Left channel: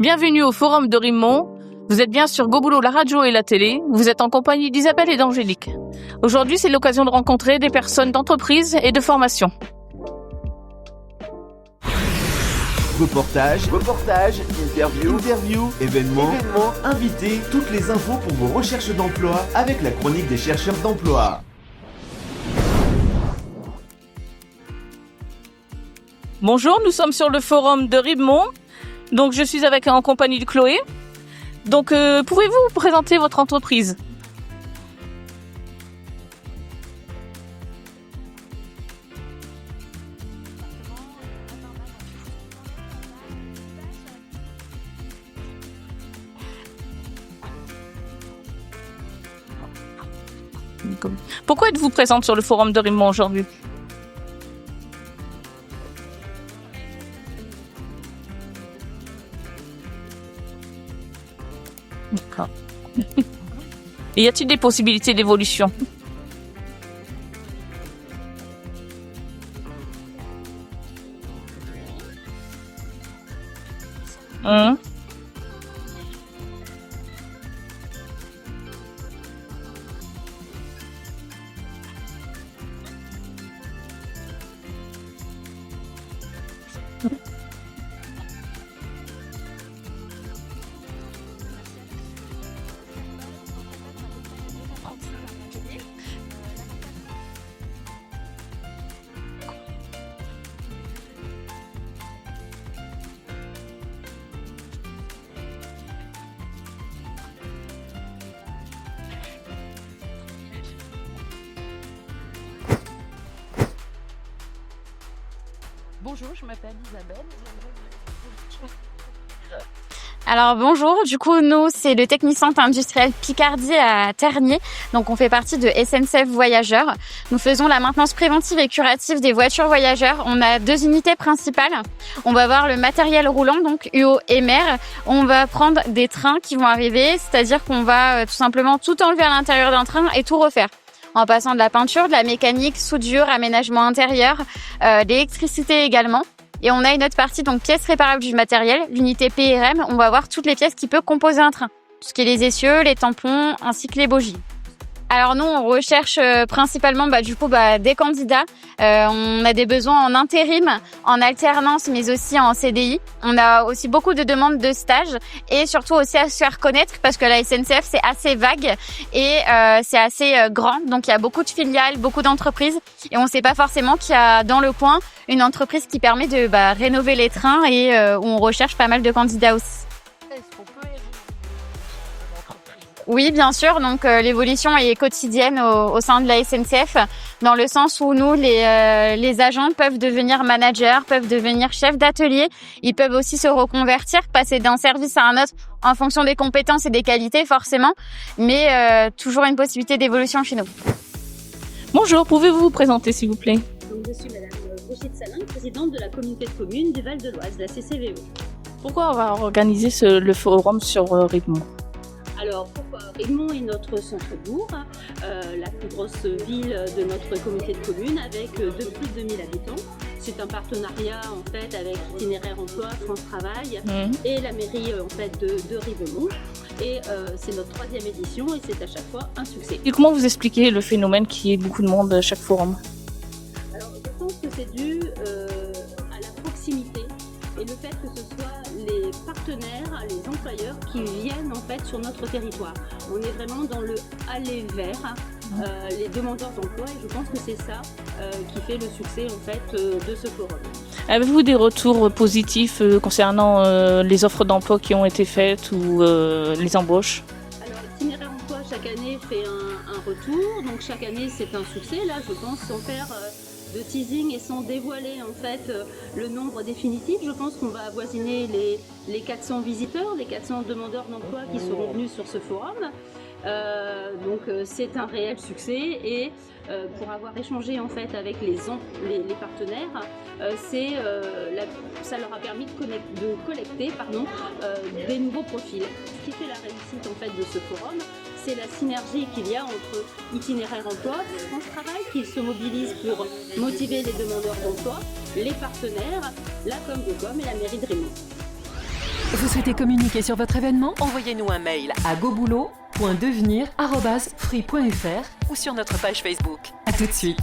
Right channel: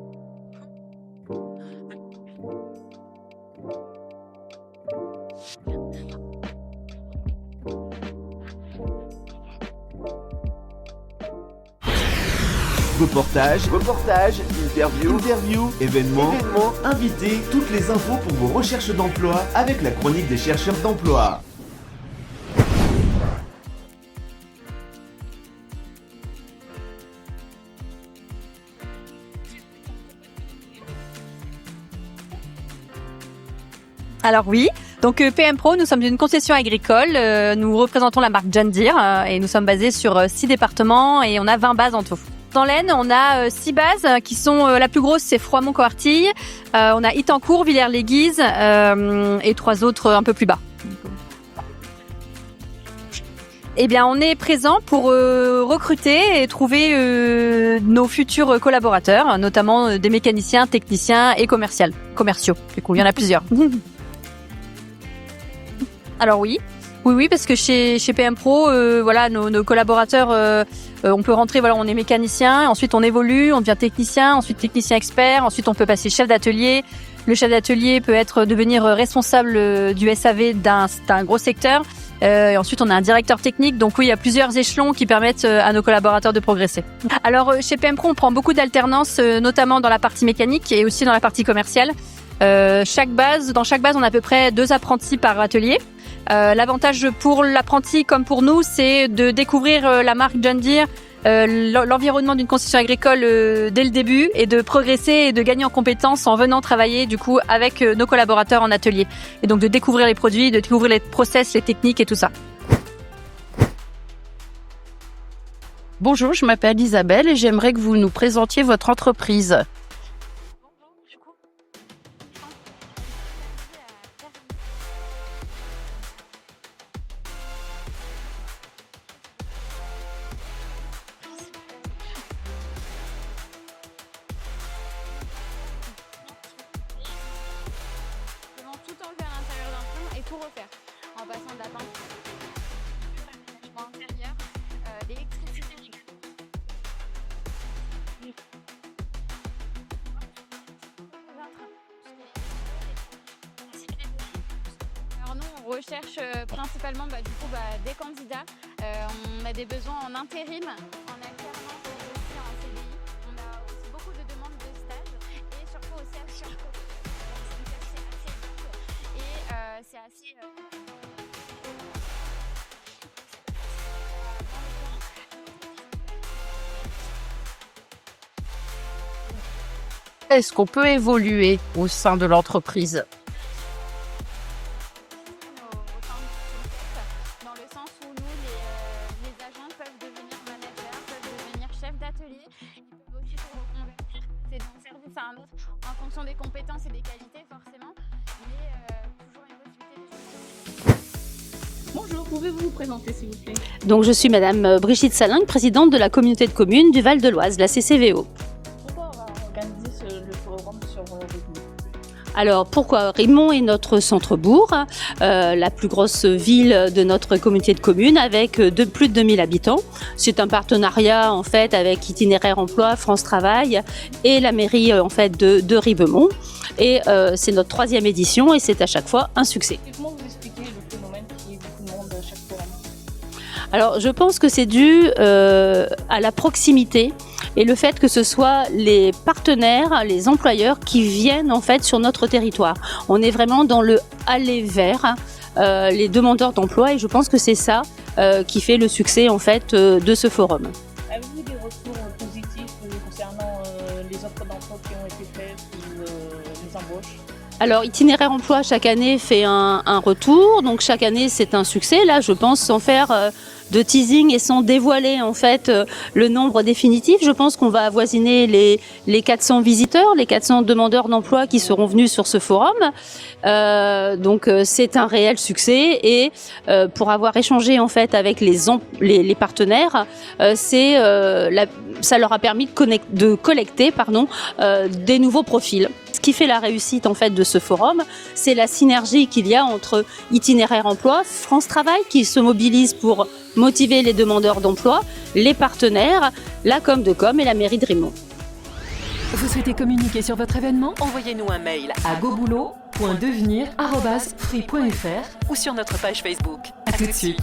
Bienvenue au Forum de Rimemont. Vous êtes bien sur Go Boulot, la radio et la télé. Vous êtes en compagnie d'Isabelle et d'Angélique. Aujourd'hui, c'est l'occasion de rencontrer des personnes d'entreprise et de formation. Reportage, interview, événements, invités, toutes les infos pour vos recherches d'emploi avec la chronique des chercheurs d'emploi. Bonjour, nous sommes sur le Forum de Rimemont. Donc, je suis en compagnie de Chloé. Donc, pouvez-vous vous présenter votre entreprise ? Alors oui, donc PM Pro, nous sommes une concession agricole, nous représentons la marque John Deere et nous sommes basés sur 6 départements et on a 20 bases en tout. Dans l'Aisne, on a 6 bases qui sont, la plus grosse c'est Froidmont-Coartille, on a Itancourt, Villers-les-Guises et 3 autres un peu plus bas. Pourquoi êtes-vous présente sur le Forum de Rimemont aujourd'hui ? Eh bien, on est présent pour recruter et trouver nos futurs collaborateurs, notamment des mécaniciens, techniciens et commerciaux. Du coup, il y en a plusieurs. Et y a-t-il des possibilités d'évolution ? Alors oui, parce que chez PM Pro, nos collaborateurs, on peut rentrer, on est mécanicien, ensuite on évolue, on devient technicien, ensuite technicien expert, ensuite on peut passer chef d'atelier. Le chef d'atelier peut devenir responsable du SAV d'un gros secteur. Et ensuite, on a un directeur technique. Donc oui, il y a plusieurs échelons qui permettent à nos collaborateurs de progresser. Alors, chez PM Pro, on prend beaucoup d'alternance, notamment dans la partie mécanique et aussi dans la partie commerciale. Dans chaque base, on a à peu près 2 apprentis par atelier. L'avantage pour l'apprenti comme pour nous, c'est de découvrir la marque John Deere, l'environnement d'une concession agricole dès le début et de progresser et de gagner en compétences en venant travailler du coup avec nos collaborateurs en atelier. Et donc de découvrir les produits, de découvrir les process, les techniques et tout ça. Bonjour, je m'appelle Isabelle et j'aimerais que vous nous présentiez votre entreprise. Alors bonjour, du coup nous c'est le Technicentre industriel Picardie à Tergnier, donc on fait partie de SNCF Voyageurs. Nous faisons la maintenance préventive et curative des voitures voyageurs. On a 2 unités principales, on va avoir le matériel roulant, donc UO et MER. On va prendre des trains qui vont arriver, c'est-à-dire qu'on va tout simplement tout enlever à l'intérieur d'un train et tout refaire. En passant de la peinture, de la mécanique, soudure, aménagement intérieur, l'électricité également. Et on a une autre partie, donc pièces réparables du matériel, l'unité PRM. On va voir toutes les pièces qui peuvent composer un train. Tout ce qui est les essieux, les tampons, ainsi que les bogies. Alors nous, on recherche principalement des candidats. On a des besoins en intérim, en alternance, mais aussi en CDI. On a aussi beaucoup de demandes de stage et surtout aussi à se faire connaître parce que la SNCF, c'est assez vague et c'est assez grand. Donc il y a beaucoup de filiales, beaucoup d'entreprises et on ne sait pas forcément qu'il y a dans le coin une entreprise qui permet de rénover les trains et où on recherche pas mal de candidats aussi. Est-ce qu'on peut évoluer au sein de l'entreprise ? Oui, bien sûr. Donc, l'évolution est quotidienne au sein de la SNCF, dans le sens où nous, les agents peuvent devenir managers, peuvent devenir chefs d'atelier. Ils peuvent aussi se reconvertir, passer d'un service à un autre en fonction des compétences et des qualités, forcément. Mais toujours une possibilité d'évolution chez nous. Bonjour, pouvez-vous vous présenter s'il vous plaît ? Donc, je suis Madame Brigitte Salingue, présidente de la communauté de communes du Val de l'Oise, la CCVO. Pourquoi on va organiser le forum sur Rimemont ? Alors pourquoi ? Rimemont est notre centre-bourg, la plus grosse ville de notre communauté de communes avec plus de 2000 habitants. C'est un partenariat en fait avec Itinéraire Emploi, France Travail et la mairie en fait de Rimemont. Et c'est notre 3e édition et c'est à chaque fois un succès. Et comment vous expliquez le phénomène qu'il y ait beaucoup de monde à chaque forum ? Alors je pense que c'est dû à la proximité et le fait que ce soit les partenaires, les employeurs qui viennent en fait sur notre territoire. On est vraiment dans le aller vers les demandeurs d'emploi et je pense que c'est ça qui fait le succès en fait de ce forum. Avez-vous des retours positifs concernant les offres d'emploi qui ont été faites ou les embauches ? Alors, Itinéraire Emploi, chaque année, fait un retour. Donc, chaque année, c'est un succès. Là, je pense, sans faire de teasing et sans dévoiler, en fait, le nombre définitif, je pense qu'on va avoisiner les 400 visiteurs, les 400 demandeurs d'emploi qui seront venus sur ce forum. Donc, c'est un réel succès. Et pour avoir échangé, en fait, avec les partenaires, ça leur a permis de collecter des nouveaux profils. Ce qui fait la réussite en fait de ce forum, c'est la synergie qu'il y a entre Itinéraire Emploi, France Travail qui se mobilise pour motiver les demandeurs d'emploi, les partenaires, la com de com et la mairie de Rimemont. Vous souhaitez communiquer sur votre événement? Envoyez-nous un mail à goboulot.devenir@free.fr ou sur notre page Facebook. À tout de suite.